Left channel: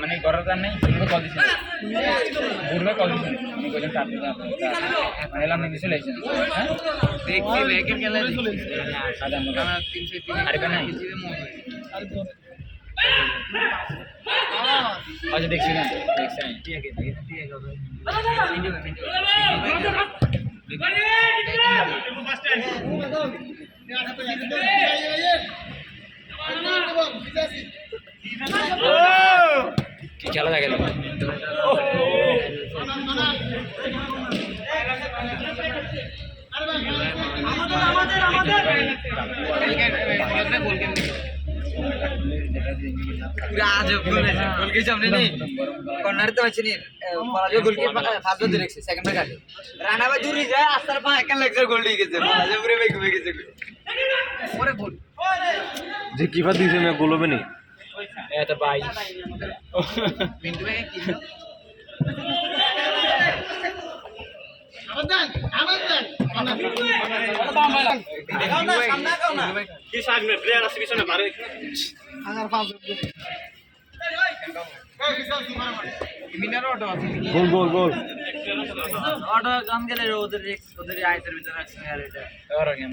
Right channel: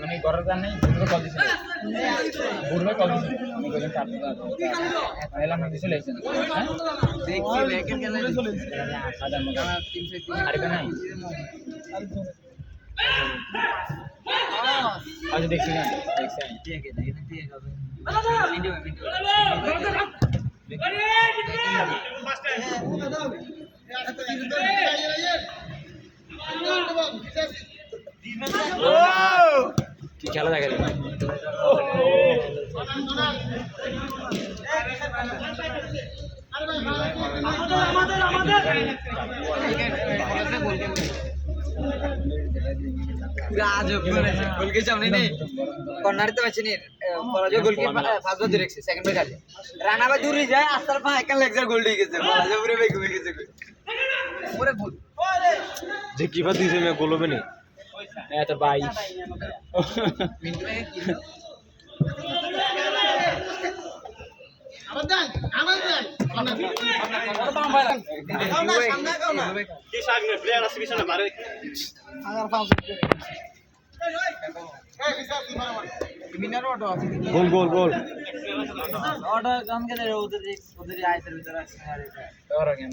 মানে ঘরের কার নেই কল দিছিল বুড়বে কল দিছিল আমি বললাম মানে এলাম নাকি চলে এসেছেন হ্যাঁ দেখছি লেকের গেলে সাদা মতো 303 আরে নাই আচ্ছা দেখছি না দেখছি ঠিক আছে ঠিক আছে ভিডিও কি খেলা হয়ে গেল কর্নার তো আছে নি পরাজয় গোলকিপার ফার্স্ট ধরে রেখেছে সেকেন্ড ব্রেক আছে রানা ভাই দূরে যায় আস্তার পা একা লেগজার গোল দিয়ে গেছে পরাজয় পুরো বেগে গেছে ওরে গোল যে কিপার দিছে না গোল হবে না এত ভাই মিন্টু ভাই কি কি সামনে প্লেয়ার আছে পিছনে মারে গোল গোল গোল অটো কাম গেলে ওদের আইসের ভিতরে আছে আর এটা और गया